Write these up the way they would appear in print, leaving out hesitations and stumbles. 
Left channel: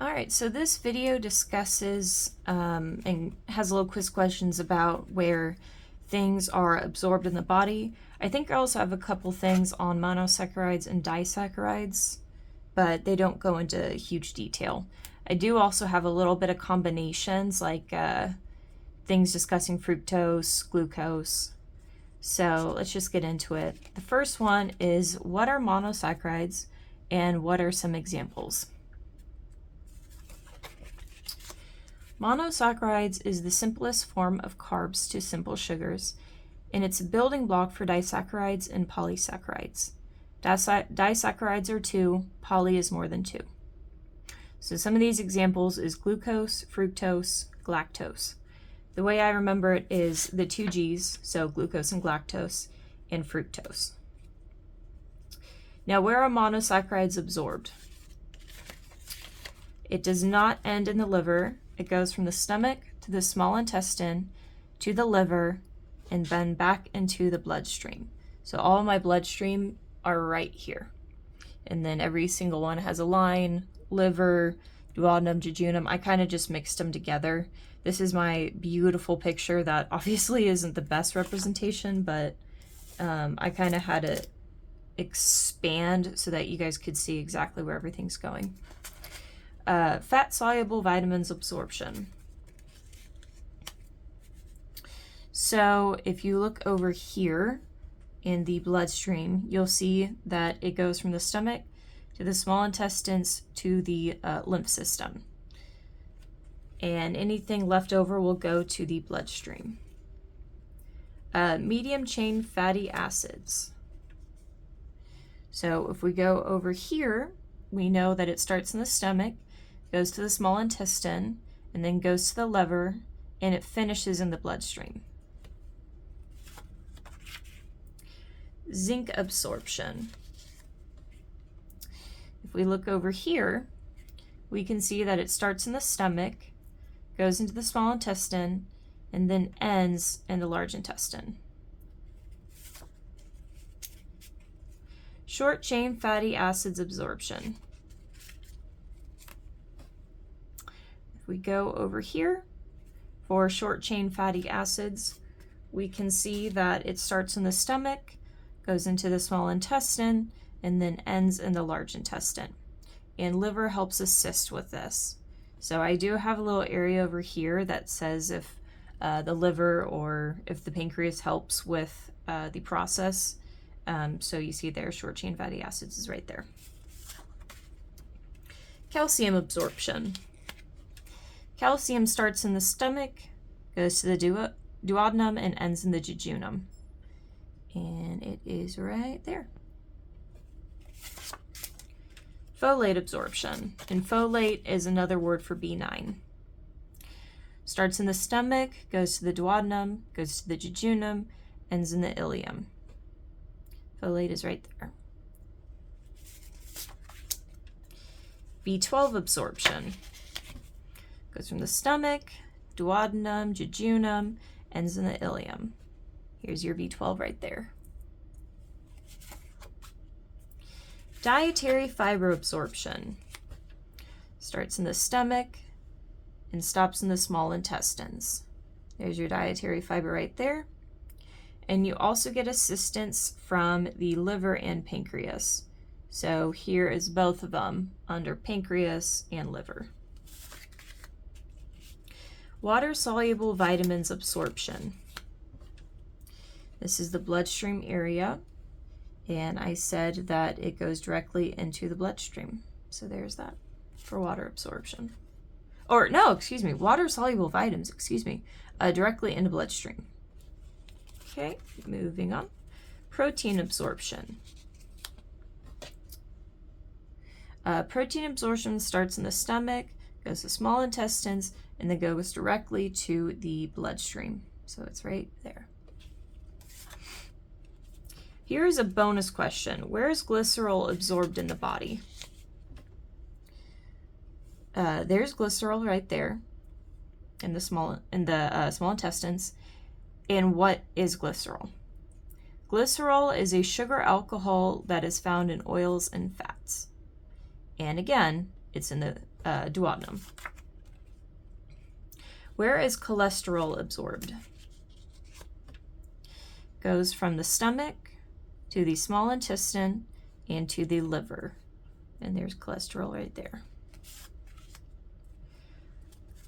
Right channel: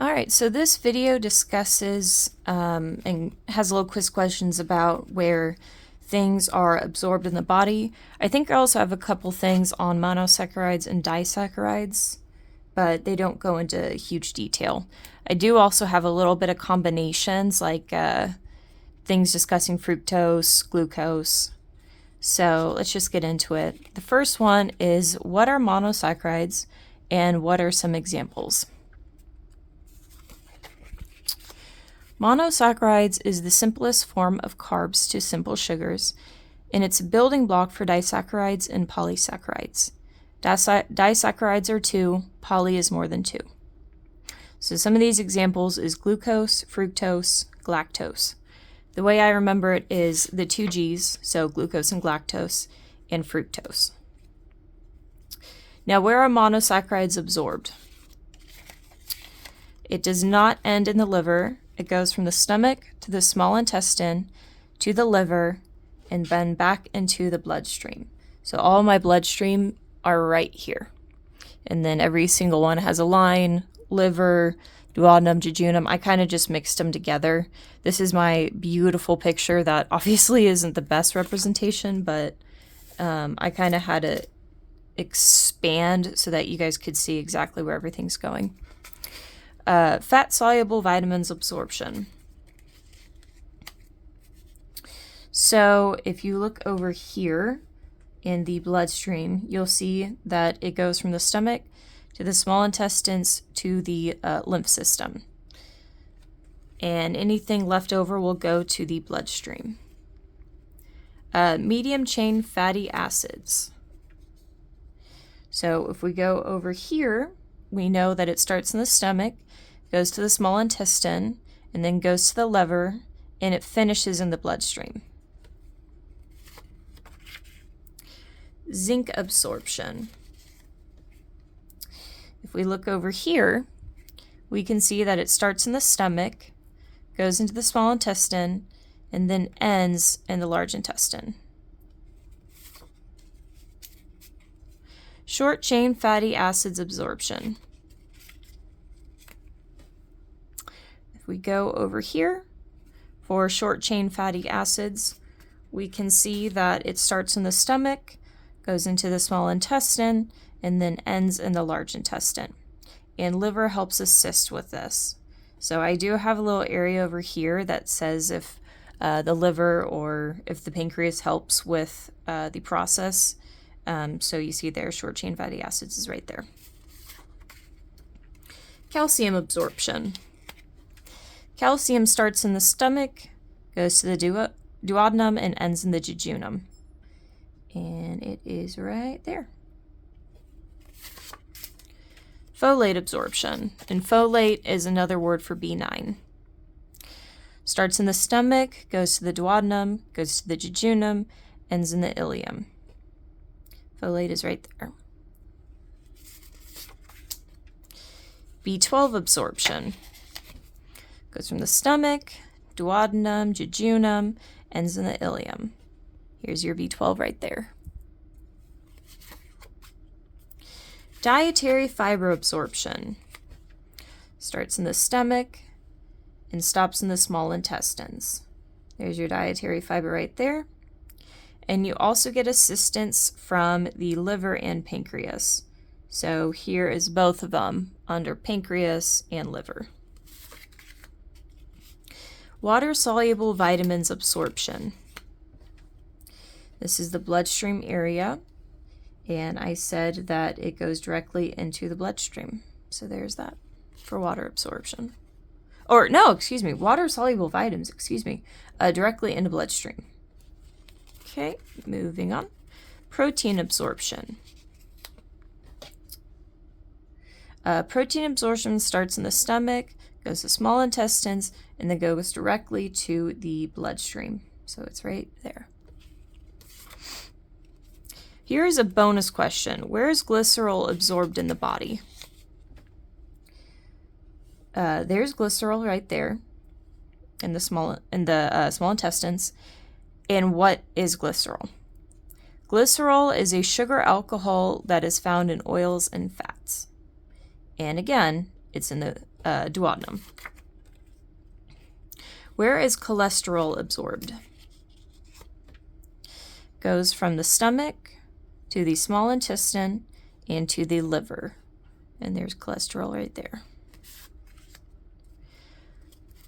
All right, so this video discusses and has a little quiz questions about where things are absorbed in the body. I think I also have a couple things on monosaccharides and disaccharides, but they don't go into huge detail. I do also have a little bit of combinations, like things discussing fructose, glucose. So let's just get into it. The first one is, what are monosaccharides and what are some examples? Monosaccharides is the simplest form of carbs to simple sugars, and it's a building block for disaccharides and polysaccharides. Disaccharides are 2, poly is more than 2. So some of these examples is glucose, fructose, galactose. The way I remember it is the 2 G's, so glucose and galactose, and fructose. Now, where are monosaccharides absorbed? It does not end in the liver. It goes from the stomach to the small intestine to the liver and then back into the bloodstream. So all my bloodstream are right here. And then every single one has a line, liver, duodenum, jejunum. I kind of just mixed them together. This is my beautiful picture that obviously isn't the best representation, but I kind of had to expand so that you guys could see exactly where everything's going. Fat-soluble vitamins absorption. So if you look over here in the bloodstream, you'll see that it goes from the stomach to the small intestines to the lymph system. And anything left over will go to the bloodstream. Medium-chain fatty acids. So if we go over here, we know that it starts in the stomach, goes to the small intestine, and then goes to the liver, and it finishes in the bloodstream. Zinc absorption. If we look over here, we can see that it starts in the stomach, goes into the small intestine, and then ends in the large intestine. Short-chain fatty acids absorption. We go over here for short-chain fatty acids. We can see that it starts in the stomach, goes into the small intestine, and then ends in the large intestine. And liver helps assist with this. So I do have a little area over here that says if the liver or if the pancreas helps with the process. So you see there, short-chain fatty acids is right there. Calcium absorption. Calcium starts in the stomach, goes to the duodenum, and ends in the jejunum. And it is right there. Folate absorption. And folate is another word for B9. Starts in the stomach, goes to the duodenum, goes to the jejunum, ends in the ileum. Folate is right there. B12 absorption. Goes from the stomach, duodenum, jejunum, ends in the ileum. Here's your B12 right there. Dietary fiber absorption. Starts in the stomach and stops in the small intestines. There's your dietary fiber right there. And you also get assistance from the liver and pancreas. So here is both of them under pancreas and liver. Water-soluble vitamins absorption. This is the bloodstream area, and I said that it goes directly into the bloodstream. So there's that for water absorption. Or no, excuse me, water-soluble vitamins, directly into bloodstream. Okay, moving on. Protein absorption. Protein absorption starts in the stomach, goes to small intestines, and then goes directly to the bloodstream. So it's right there. Here is a bonus question. Where is glycerol absorbed in the body? There's glycerol right there in the small intestines. And what is glycerol? Glycerol is a sugar alcohol that is found in oils and fats. And again, it's in the duodenum. Where is cholesterol absorbed? Goes from the stomach to the small intestine and to the liver. And there's cholesterol right there.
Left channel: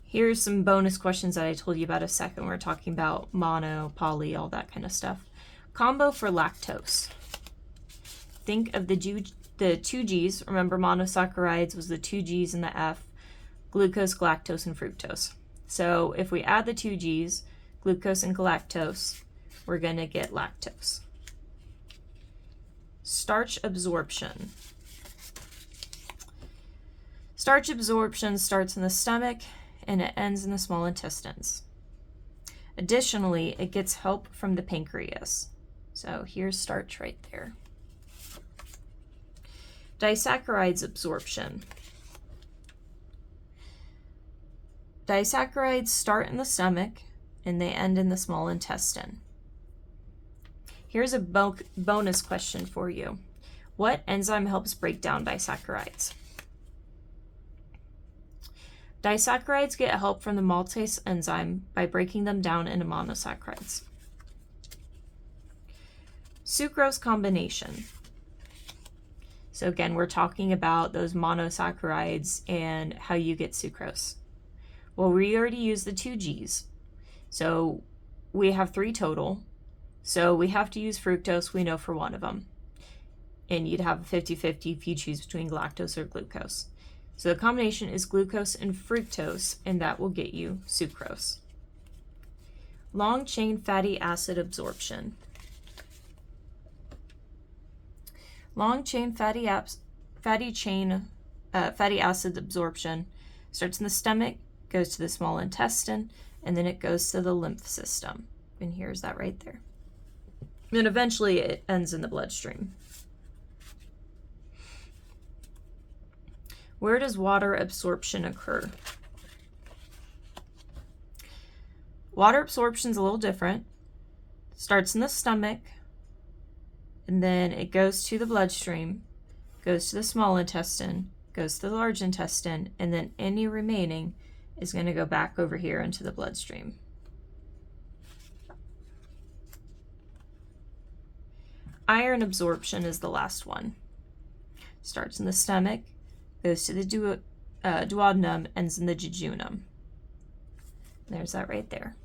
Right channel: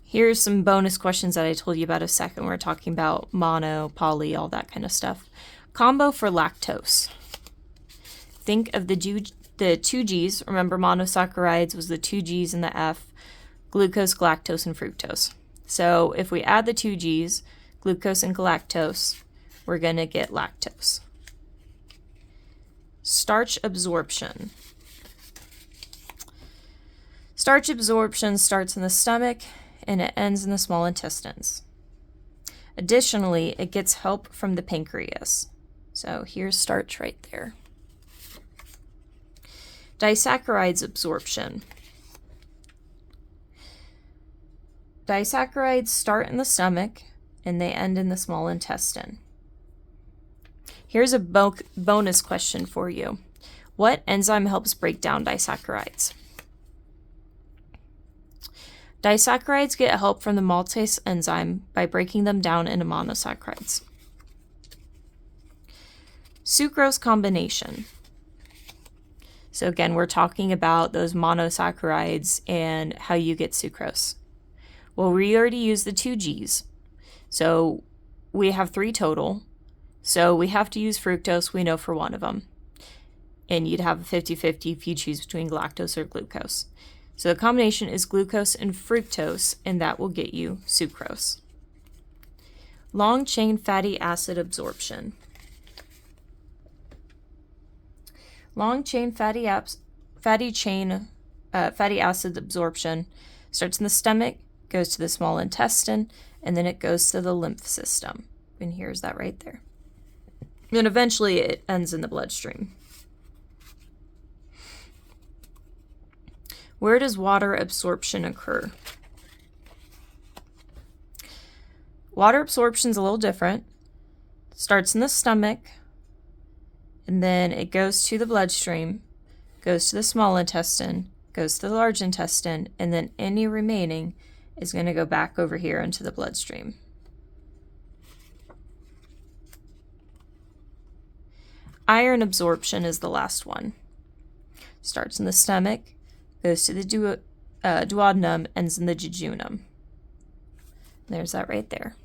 Here's some bonus questions that I told you about a second. We're talking about mono, poly, all that kind of stuff. Combo for lactose. Think of the two G's. Remember, monosaccharides was the two G's and the F, glucose, galactose, and fructose. So if we add the two G's, glucose and galactose, we're going to get lactose. Starch absorption. Starch absorption starts in the stomach and it ends in the small intestines. Additionally, it gets help from the pancreas. So here's starch right there. Disaccharides absorption. Disaccharides start in the stomach and they end in the small intestine. Here's a bonus question for you. What enzyme helps break down disaccharides? Disaccharides get help from the maltase enzyme by breaking them down into monosaccharides. Sucrose combination. So again, we're talking about those monosaccharides and how you get sucrose. Well, we already used the two G's. So we have 3 total. So we have to use fructose, we know, for one of them. And you'd have a 50-50 if you choose between galactose or glucose. So the combination is glucose and fructose, and that will get you sucrose. Long-chain fatty acid absorption. Long-chain fatty acid absorption starts in the stomach, goes to the small intestine, and then it goes to the lymph system. And here's that right there. And eventually it ends in the bloodstream. Where does water absorption occur? Water absorption is a little different. It starts in the stomach, and then it goes to the bloodstream, goes to the small intestine, goes to the large intestine, and then any remaining is going to go back over here into the bloodstream. Iron absorption is the last one. Starts in the stomach, goes to the duodenum, ends in the jejunum. There's that right there.